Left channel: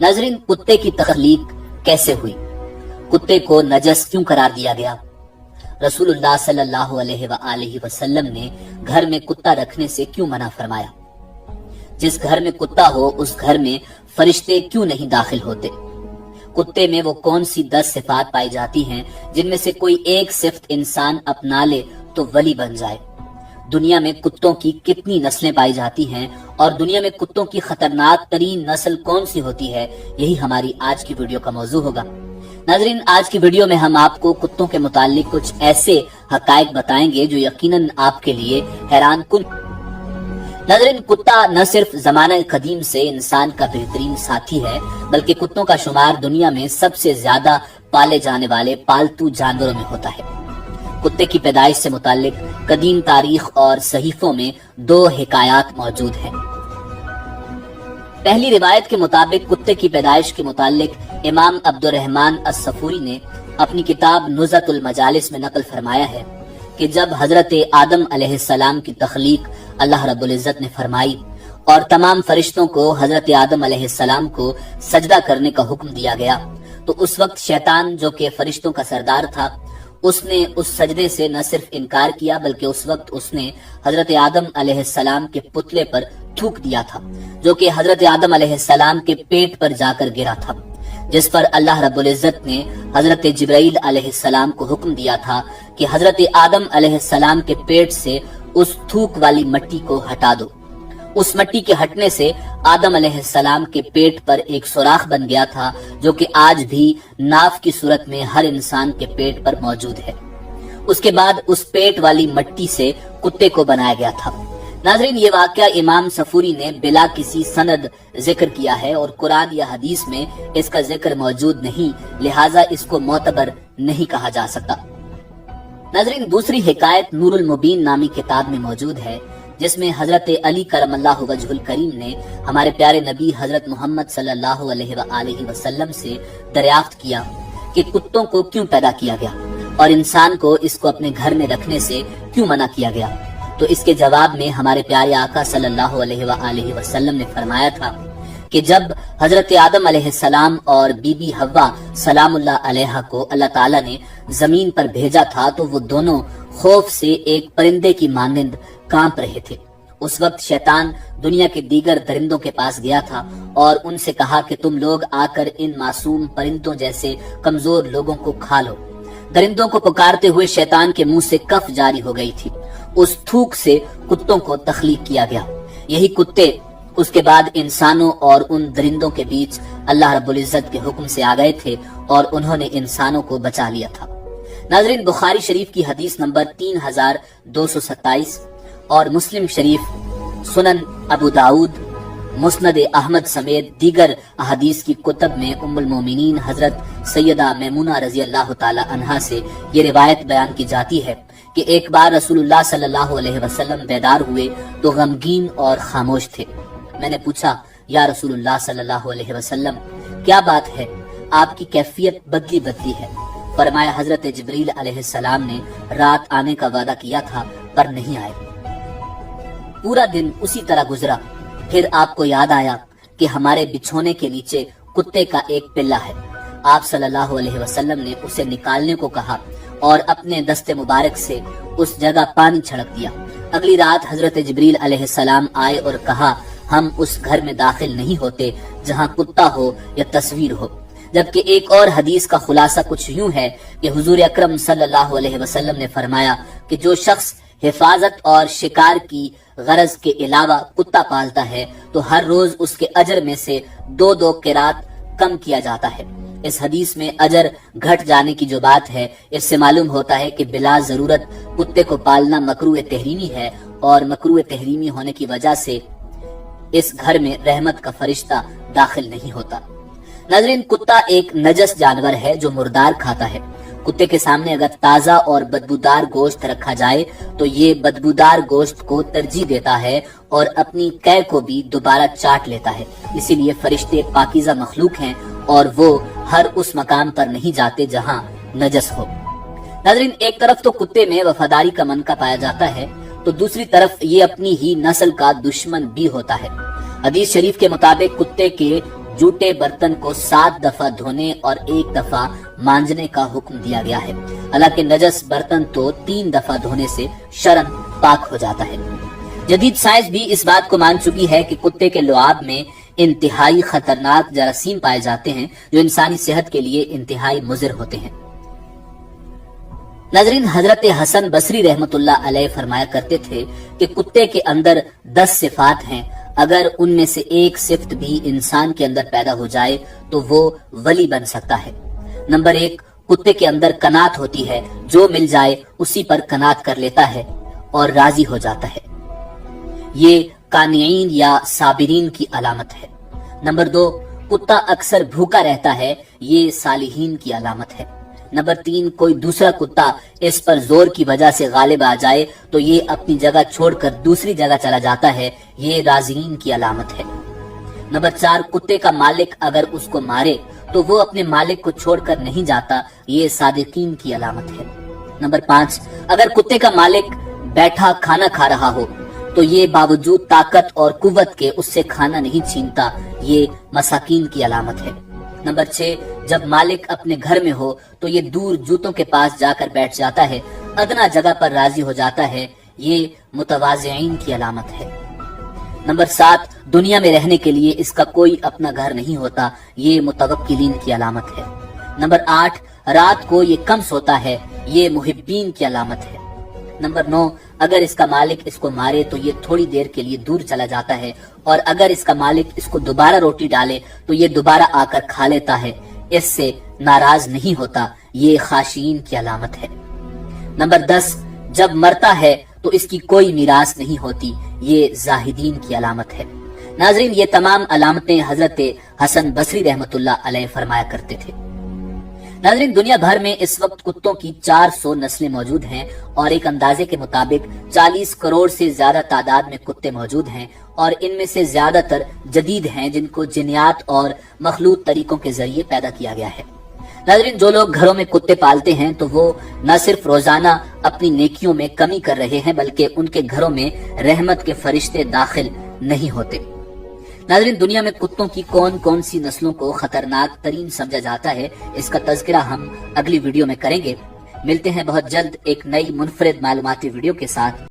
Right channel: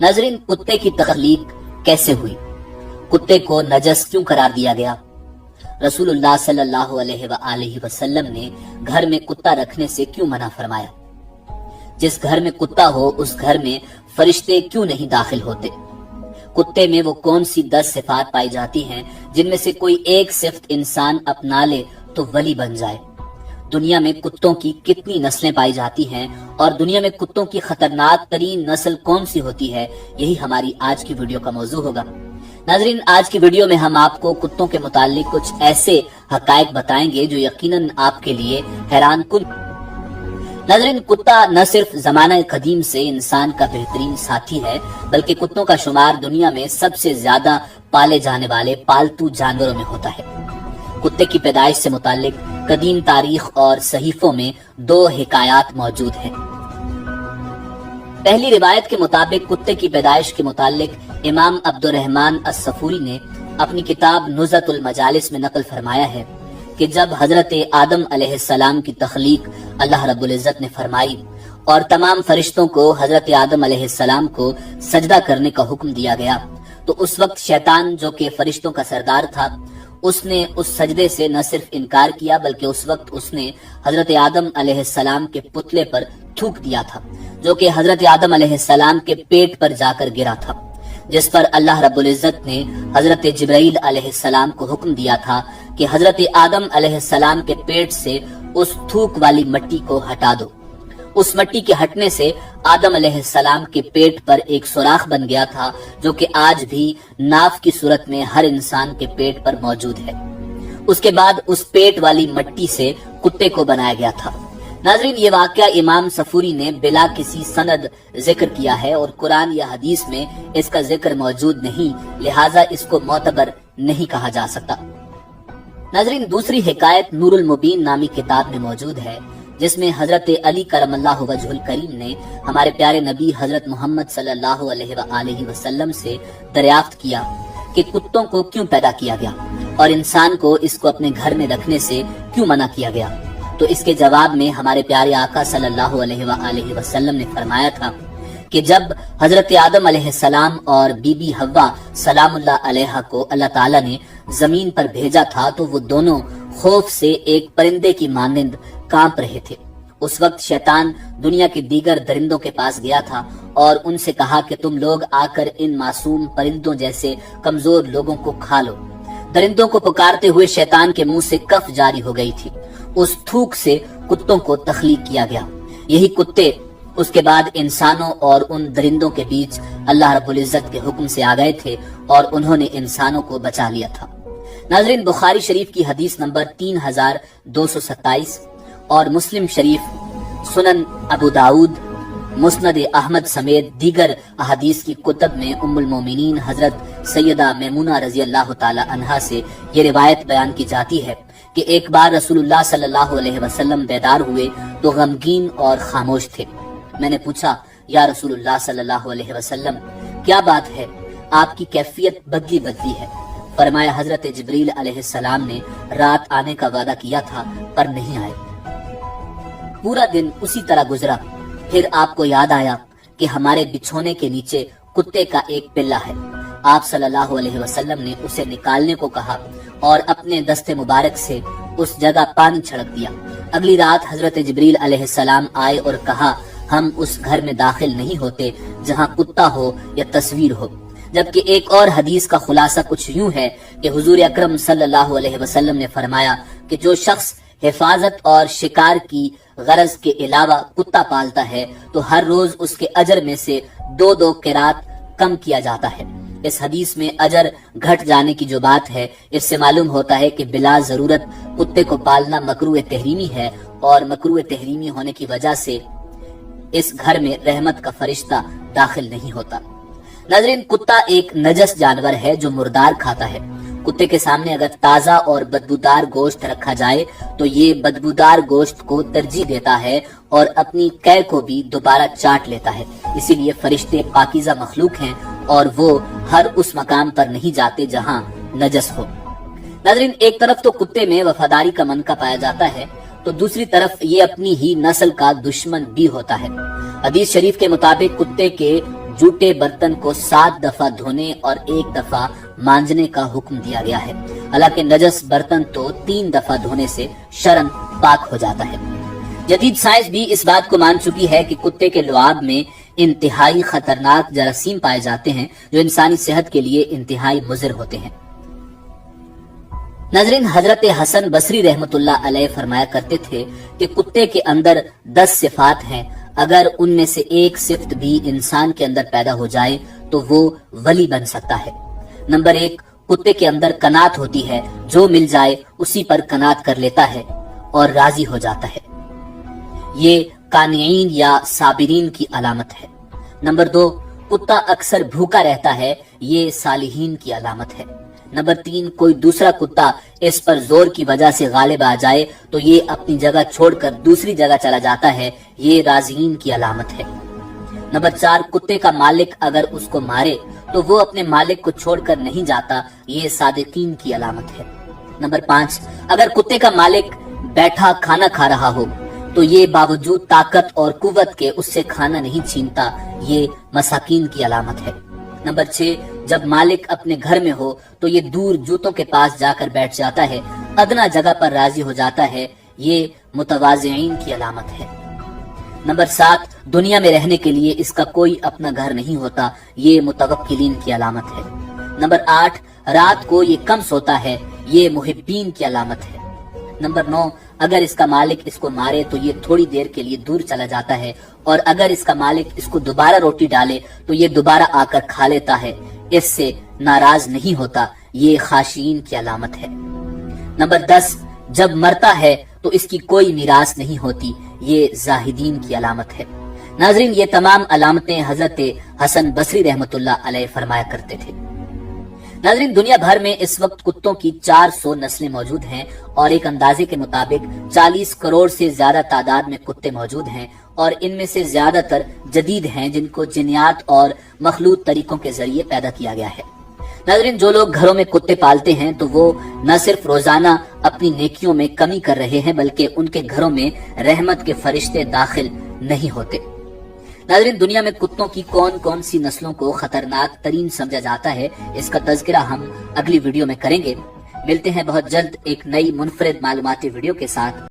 नाज़रीन, कुत्ते की तख्लीक कैसे हुई? कुत्ते को नजस क्यों करार दिया गया? रसूलुल्लाह सल्लल्लाहु अलैहि वसल्लम ने घर में कुत्ता रखने से क्यों मना फरमाया? जिस घर में कुत्ता हो उस घर में फरिश्ते क्यों नहीं दाखिल होते? कुत्ते में वो कौन सी 10 सिफात पाई जाती हैं जिनमें से कोई एक सिफत इंसान अपना ले तो वली बन जाए? दुनिया में कुत्तों की कितनी नस्लें पाई जाती हैं और दुनिया में कुत्तों की खतरनाक तरीन नस्ल कौन सी होती है, यही हमारी आज की वीडियो का मौजू होगा। नाजरीन, आज की वीडियो में हम आपको कुत्तों के मुतालिक कुछ ऐसे हकायक बताएंगे जो यकीनन आपके लिए हैरान कुन। नाजरीन, कुत्ता न सिर्फ ज़माना कदीम से इंसान का बेहतरीन साथी है, बल्कि कुत्तों का शुमार दुनिया में सबसे ज्यादा पाले जाने वाले पालतू जानवरों में होता है। कुत्ते की पैदाइश से मुतालिक कदीम तारीख और सहीफों में 2 हिकायात मौजूद हैं। पहली रिवायत के मुताबिक कुत्ते की पैदाइश के मुतालिक इमाम अब्दुर्रहमान अस-सफूरी ने अपनी किताब नुज़तुल मजालिस में नकल फरमाया है कि जब हजरत आदम अलैहिस्सलाम की तख्लीक अल्लाह रब्बुल इज्जत ने फरमाई और तमाम फरिश्तों को हजरत आदम अलैहिस्सलाम को सजदा करने का हुक्म दिया गया, तो उस वक्त शैतान, जो कि फरिश्तों का सरदार था, उसने उस सजदे से न सिर्फ इनकार किया बल्कि उस वक्त उसने हजरत आदम अलैहिस्सलाम के पुतले पर थूक दिया था, जो कि हजरत आदम अलैहिस्सलाम के पेट पर जाकर गिरा था, जिस पर अल्लाह रब्बुल इज्जत ने हजरत जिब्राइल अलैहिस्सलाम को हुक्म दिया था कि हजरत आदम अलैहिस्सलाम के पेट से उस थूक वाली मिट्टी को हटा दो। उस मिट्टी के हटने से आदम अलैहिस्सलाम के पेट पर एक सुराख बन गया था, जो कि आज भी नाफ की सूरत में हर इंसान के पेट पर मौजूद है। उसके बाद उस पेट वाली मिट्टी से कुत्ते को बनाया गया था। नाजरीन, ये वाकया इमाम सफूरी ने बिला किसी सनद जिक्र किया है और कुरान या हदीस में इसका जिक्र मौजूद नहीं, लिहाजा इसको मोतबर नहीं कहा जा सकता। नाजरीन, दूसरी हिकायत नूरुल मुबीन नामी किताब में मौजूद है, जिसमें हजरत अली करमल्लाहु वजहुल करीम ने हमारे प्यारे नबी हजरत मोहम्मद सल्लल्लाहु अलैहि वसल्लम से दरियाफ्त किया कि कुत्तों को क्यों पैदा किया गया और इंसान को इसको अपने घर में रखने से क्यों मना किया गया। तो इसके जवाब में हमारे प्यारे आका सल्लल्लाहु अलैहि वसल्लम ने फरमाया था कि जब हजरत आदम अलैहिस्सलाम और बीबी हव्वा सलामुल्लाह अलैहा को अल्लाह ताला ने जमीन पर भेजा था, तो वो दोनों खौफ से एक परिंदे की मानिंद कांप रहे थे। उस वक्त शैतान दुनिया के दीगर दरिंदों के पास गया था और उनसे कहा कि तुम लोग आकर इन मासूम परिंदों जैसे कमजोर लोगों को खा लो। दरिंदों को पुकारते हुए शैतान के मुंह से कफ जारी हो गई थी। उस थूक से कुत्तों को तख्लीक किया गया। यही कुत्ते उसके बाद इंसानों और उन दरिंदों के बीच अल्लाह रब्बुल इज्जत के हुक्म से आ गए थे और उन्होंने इंसानों को बचा लिया था। नाज़रीन, बुखारी शरीफ की हदीस नंबर 3227 और मुस्लिम शरीफ, सुनन अबू दाऊद, मुस्नद अहमद समेत दीगर अहादीस की कुतब में उम्मुल मोमिनीन हजरत सैयदा मैमूना रजी अल्लाह ताला अन्हा से ये रिवायत बयान की जाती है कि एक बार रसूलुल्लाह सल्लल्लाहु अलैहि वसल्लम बेदार हुए तो गमगीन और खामोश थे। मैंने पूछा, या रसूलुल्लाह सल्लल्लाहु अलैहि वसल्लम, क्या बात है, आपकी कैफियत बदली बदली है? फरमाया, हजरत जिब्रील अलैहिस्सलाम ने रात आने का वादा किया था पर नहीं आए। पूरा दिन उसी तरह गुजरा। फिर आपको याद आया कि हमारे बिछोने के नीचे कुत्ते का एक पिल्ला है। आप सल्लल्लाहु अलैहि वसल्लम ने उसे निकालने को कहा और अपने दस्ते मुबारक से उस जगह पानी छिड़क दिया। अगली रात हजरत जिब्रील अलैहिस्सलाम आए और कहा, हम उस घर में दाखिल नहीं होते जहाँ कुत्ता हो या तस्वीर हो। जबकि एक और हदीस का खुलासा कुछ यूं है कि हुजूर अकरम सल्लल्लाहु अलैहि वसल्लम ने फरमाया कि जो शख्स हिफाजत और शिकार की गरज के अलावा कुत्ता पालता है तो हर रोज उसके अजर में से 2 किरात कम किया जाता है। इस हदीस में अजर घट जाने की जो बात है, इससे मालूम होता है कि बिला जरूरत कुत्ते को पालना मकरूह तहरीमी है और मकरूह तहरीमी होने की वजह से इस घर में रहमत का फरिश्ता दाखिल नहीं होता। नाज़रीन, कुत्ता एक नजस जानवर है जो मुर्दार खाता है। कुत्ते के सामने अगर ताजा और बदबूदार गोश्त रखा जाए तो ये बदबूदार गोश्त को तरजीह देता है और अपनी कै को भी दोबारा चाट लेता है। इसीलिए फरिश्ते पाकीज़ा मखलूक हैं और वो हर उस मकाम पर नहीं जाते जहाँ नजस हो। नाज़रीन, एक तरफ तो कुत्ते में वफादारी का मनका पाया जाता है, तो दूसरी तरफ ये अपनी ही नस्ल का दुश्मन भी होता है। हदीस शरीफ के मुताबिक कुत्ते के जूठे बर्तन को 7 दफा धोने और 1 दफा मांजने का हुक्म दिया गया है। हालांकि नजस बर्तन तो 3 दफा धोने से शरन पाक हो जाता है। जदीद साइंस भी इस बात को मान चुकी है कि कुत्ते के लुआब में इंतहाई खतरनाक जरासीम पाए जाते हैं जो इंसानी सेहत के लिए इंतहाई मुज़िर होते हैं। नाज़रीन, हजरत हसन बसरी रहमतुल्लाह अलैह फरमाया करते थे कि कुत्ते के अंदर 10 सिफात हैं, अगर उनमें से एक सिफ्त भी इंसान के अंदर पैदा हो जाए तो वो वली बन सकता है। नंबर 1, कुत्ते के अंदर कनात होती है, जो मिल जाए उसी पर कनात कर लेता है और राजी हो जाता है। ये कानीन या साबिरीन की अलामत है। नंबर 2, कुत्ता अक्सर भूखा रहता है, ये सालिहीन की अलामत है। नंबर 3, कोई दूसरा कुत्ता इस पर जोर की वजह से गालिब आ जाए तो ये अपनी जगह छोड़कर दूसरी जगह चला जाता है, ये राज़ीन की अलामत है। नंबर 4, कुत्ते का मालिक अगर उसको मारे तो वो अपने मालिक को छोड़कर नहीं जाता, ये सादिकीन की अलामत है। नंबर 5, अगर कुत्ते का मालिक बैठा खाना खा रहा हो तो ये बावजूद ताकत और कुव्वत के उससे खाना नहीं छीनता, ये मसाकीन की अलामत है। नंबर 6, जब मालिक अपने घर में हो तो ये दूर जूतों के पास जाकर बैठ जाता है, अदना जगह पर राजी हो जाता है, ये मुतवाज़िईन की अलामत है। नंबर 7, दुनिया में रहने के लिए इसका कोई अपना घर नहीं होता, ये मुतवक्किलीन की अलामत है। नंबर 8, रात को ये कम सोता है, ये मुहिब्बीन की अलामत है। नंबर 9, अगर इसका मालिक इसको मारे तो ये थोड़ी देर के लिए दूर चला जाता है और अगर इसका मालिक इसको दोबारा रोटी डाले तो ये दोबारा आकर खा लेता है, इससे नाराज नहीं होता, ये खाशीन की अलामत है। नंबर 10, जब मरता है तो इसकी कोई मीरास नहीं होती, ये जाहिदीन की अलामत है। नाज़रीन, ये तमाम अलामतें हजरत हसन बसरी रहमतुल्लाह अलैह फरमाया करते थे। नाज़रीन, दुनिया भर में इस वक्त कुत्तों की 400 नस्लें मौजूद हैं और एक अंदाजे के मुताबिक 40 करोड़ से ज्यादा तादाद में कुत्ते मौजूद हैं और इनमें से ज्यादातर जदीद हैं जिनको जिन्यात और मखलूत तरीकों के जरिए पैदा किया गया है। नाज़रीन, जो लोग घरों में कुत्ते पालते हैं तो वो न सिर्फ रोजाना अपनी नेकियों में कमी कर रहे हैं बल्कि उनके घरों में रहमत के फरिश्ते दाखिल नहीं होते। नाज़रीन, दुनिया में कुत्तों की कौन कौन सी नस्लों को खतरनाक तरीन समझा जाता है, इसका तज़किरा हम अगली वीडियो में करेंगे। मिलते हैं बहुत जल्द एक नई मुनफरिद मालूमाती वीडियो के साथ।